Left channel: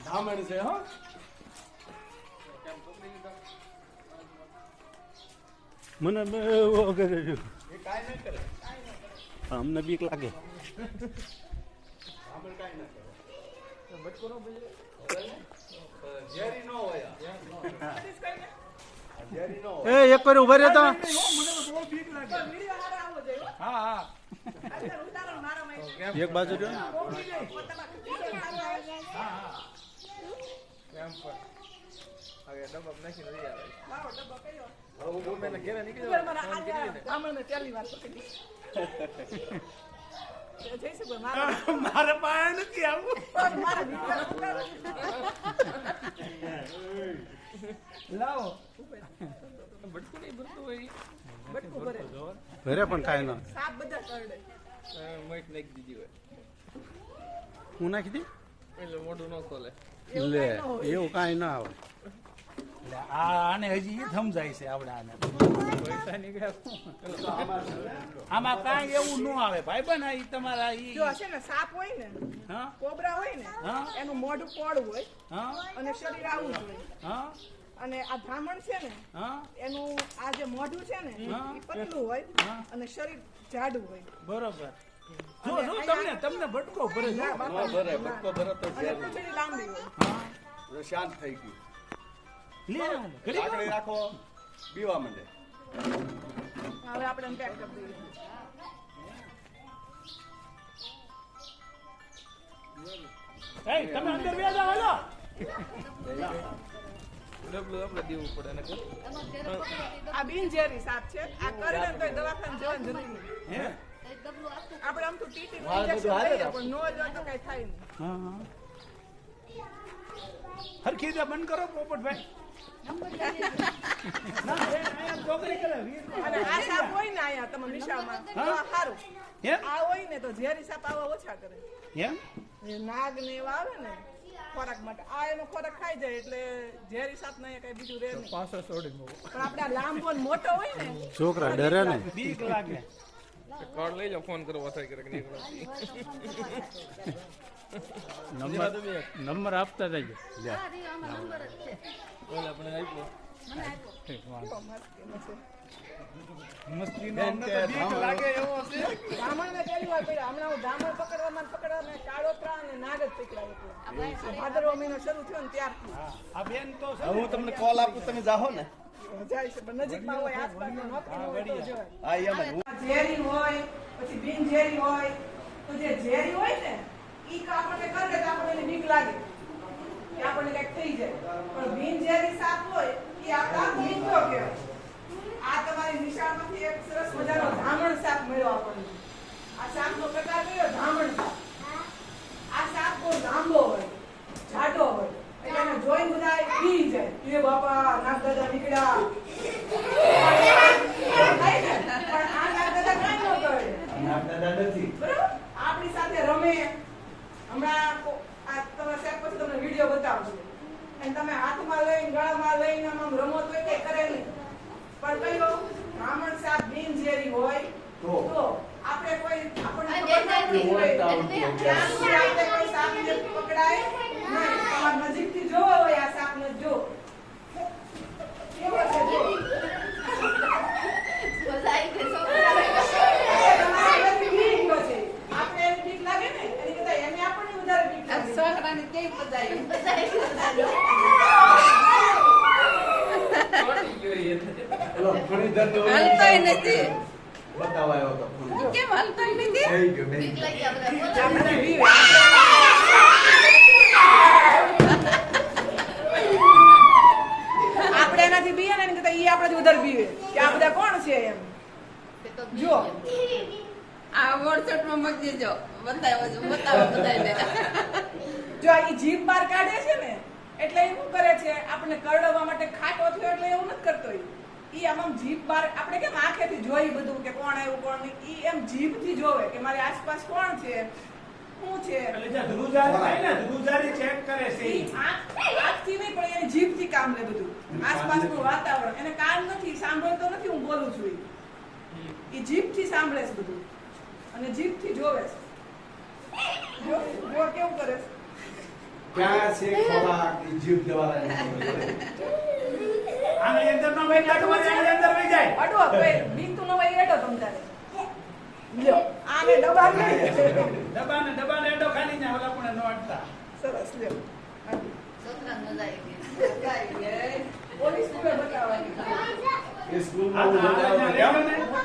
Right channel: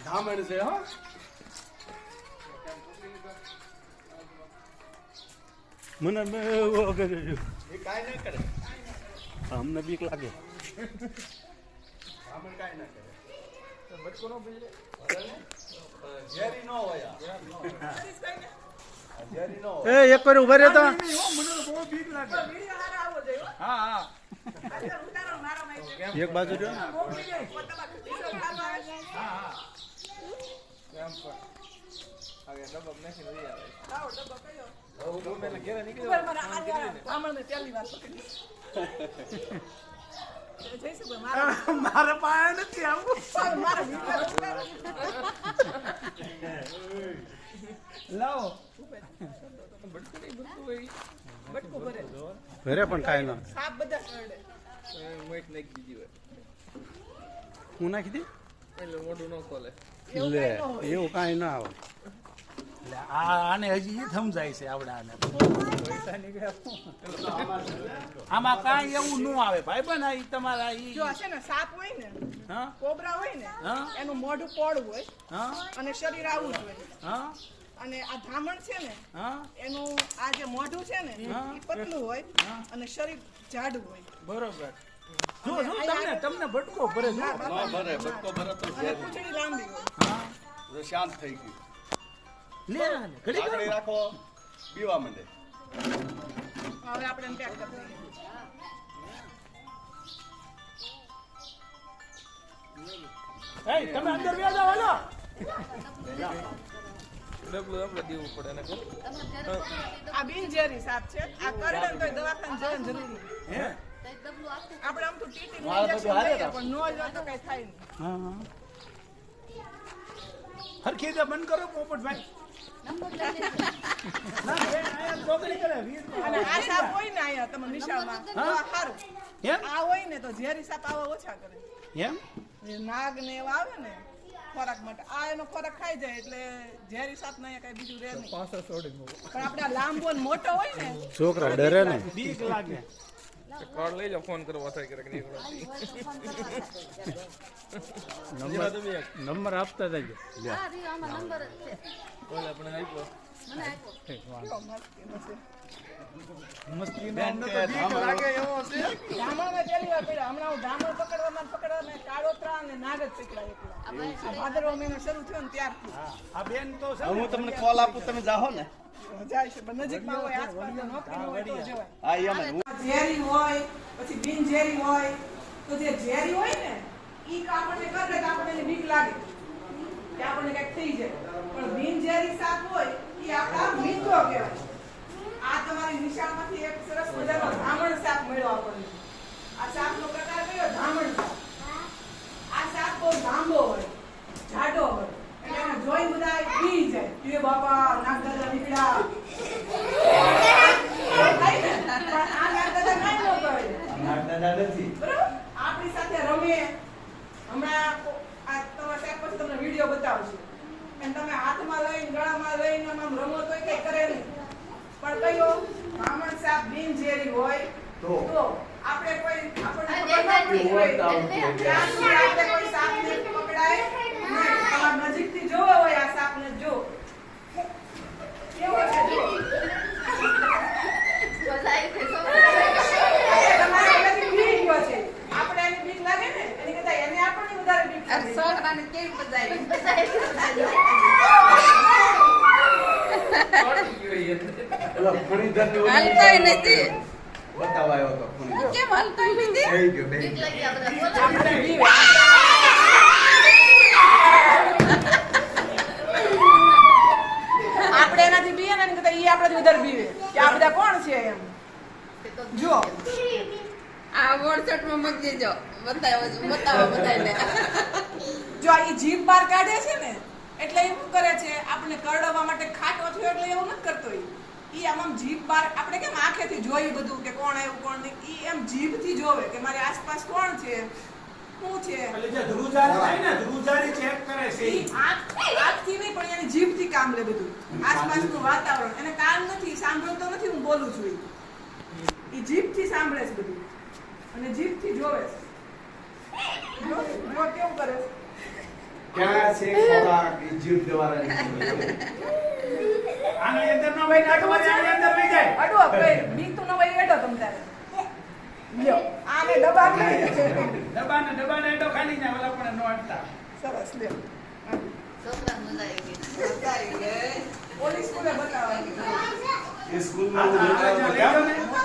ધામણ છે હો મને કરે છે એ કાઈ ના કરે અમને બીક લાગે ધામણ કાઈ ના કરે બટકો નો બોલે જેરી નો હોય જેરી નો એ એક વાર ઉભા રહ્યો તો મને તો બહુ બીક લાગે હા હા એક બાજુ રહ્યો ને હા હા કેમ પર હવે ડબ્બો નાખી લઈ આવે લાવો ડબ્બો કયો હું મેને ઘરે નીકળી ઉપર મારા આમને પહેલી વાર પકડી મારે પાસે નથી આવું લાવો બટકું નહીં ભરતું હોય બટકું ભરે ભરે પણ કાંઈ ના સાપ બધા કરડે મોઈટ નાખી દીધી હોય હું નાખી દી એટલે મોઢું ન ખોલે લે એવું કાંઈ ના આવે એટલે આને હજી એ સમજાય છે આપણે આને પૈસા નીકળ્યા આમાં કાંઈ એવું ન આવે ભાઈ બન આ તમારા જો હશે ને સાપ હોય ને હા કોબરા હોય ને એનું મોઢું પોળું હોય હા અને શરીર આવું હોય હા અને આ ધામણ છે ને એનું આ જે મોઢું છે ને પતલું હોય અને શરીર જાડું હોય બરોબર જો જો તમને બટકો ભરે જો ભરે બટકો ભરે તો પૂંછડી લાંબી હોય હા શાંત થઈ ગયું લે ઘડી વાર રાખો બીવા માંડે હવે આપણે એમ પેક કરી દઈએ એ તમે અંદર વ્યા જાવ હાલો ડબલું આપણે દેવું પડે ને આ બિનઝેરી સાપ છે આ કરડે તો દવાખાને જવાનું જરૂરી હે આપણે આમ તો ટીટી ઇન્જેક્શન લઈએ પણ નો જ તો કઈ થાય નહીં હા હરખી દે બંધ કરો પોપટભાઈ ના એ આયા ચોકરી કરે અને આ સાપ હોય ને આયા તમે નિશાળમાં તો સારું એમ આ હોય ને તો ઝેરી સાપ આવા ઓછા કરે એમ એ નાગ ને એવા આવે ને ખોરાક માટે આ એનો ખોરાક ખાઈ જાય એટલે ઝેરી સાપ ના કઈ બીજું રહે નહીં પાછો છોડી મૂકો પણ આપણે આ લાંબો ને મોટો હોય ને છોકરા ડરે ને બીક લાગે કાર્ડ લઈ જાઓ ફોન કરવા થાય કે નહીં નંબર આપતા જજો લે બોલ આપણે આપ્યો મસ્તી નો અમને તો બીક લાગે એવો છે ધામણ ને પેલી વાર પડ્યો હમણાં હું ધામણ પકડવામાં કાળોતરા અને નાગ જ પકડાય એટલા ભાદરવા મહિનો શરૂ થયો ને ત્યારથી આ બેન તો હું તમને કોલ આપું તમે જાઓ ને જાય છે પણ નજીકમાં હોય આસપાસમાં નોકરી હોય તો જવાય હા એમ ઝેરી હોય પછી બિનઝેરી હોય તો જે ઝેરી હોય ને ઈ આપણને કરે તો આપણને બીક લાગે કે આપણને કઈક થઈ જાય પણ બિનઝેરી સાપ હોય ઈ આપણા મિત્ર કહેવાય આ તમારી નિશાળમાંથી એક સરસ મજાનો ધામણ સાપ મળ્યો આપણને આ સાપનો પ્રકાર કયો ધામણ સાપ આ સાપ બહુ લાંબો હોય જાડો હોય એટલે એને જોઈ બધા પી જાય એ બાપા નાગ દાદા નીકળ્યા આપણી સાથે રમે હમણાં તમે સાહેબ પછી તમને વિડીયો બતાવશે અને તમે હાથમાં લઈને ગળામાં લઈને આમ રમો તો કઈ કરે નહીં પણ કયો બ્રાહ્મણ સાપ બિનઝેરી હોય તો આપણે કોઈ આપણને કોઈ સાપને પકડાય નહીં તમારે નજીકથી જોવો હોય આ સાપને જો કેવો છે જો છોકરાને કેવી હાલતાય નથી બતાવાયો તો કેમ હાલતાય નથી આપણે એનાથી બીએ ને કે ઈ આપણાથી ઉધર બીવે કે આ બધા કોણ છે એમ જો આ વોટ્સએપ માં મૂકી દેજો બતાવો બધાને જો આ જીભ બહાર કાઢે છે ને એટલે એ શું કરે છે આપણને કરડવા માટે ખાટો થયો એટલે એવું નથી કરતો ઈ આમ જીભ બહાર આપણે કેમ આંખેથી જોઈ બધું કે કોણ આવ્યું કોણ નહીં ઈ એમ જીભથી જોવે કે મારી આસપાસ કોણ છે શું છે એટલે જે ધ્રુજારી થાય ને ધ્રુજારી ચેક કરે છે આંખથી નહીં પણ એની જીભથી કામ લે બધું આસપાસનું વાતાવરણ એને કાન નથી સાંભળતો નથી હું બોલું છું ઈ જીભથી સાંભળે છે બધું અને જીભથી જોવે છે જો કેવું કરે છે ક્યાં છે ખોરાક એ જીવ દેવાના આની અંદર નો ભાઈ લાડુ છે આની અંદર લઈ જાય અડો કઈ બીક તો ન હોય એડો તમ તારે લ્યો આને ડબ્બા ડબ્બાને એડો ખાલી જાય ઓલા પણ નો અડતા સરસ લ્યો છોકરાને મજા આવી ગઈ મજા આવી ગઈ પોલીસ સ્કૂલે બતાવવાની એ સ્કૂલમાં હું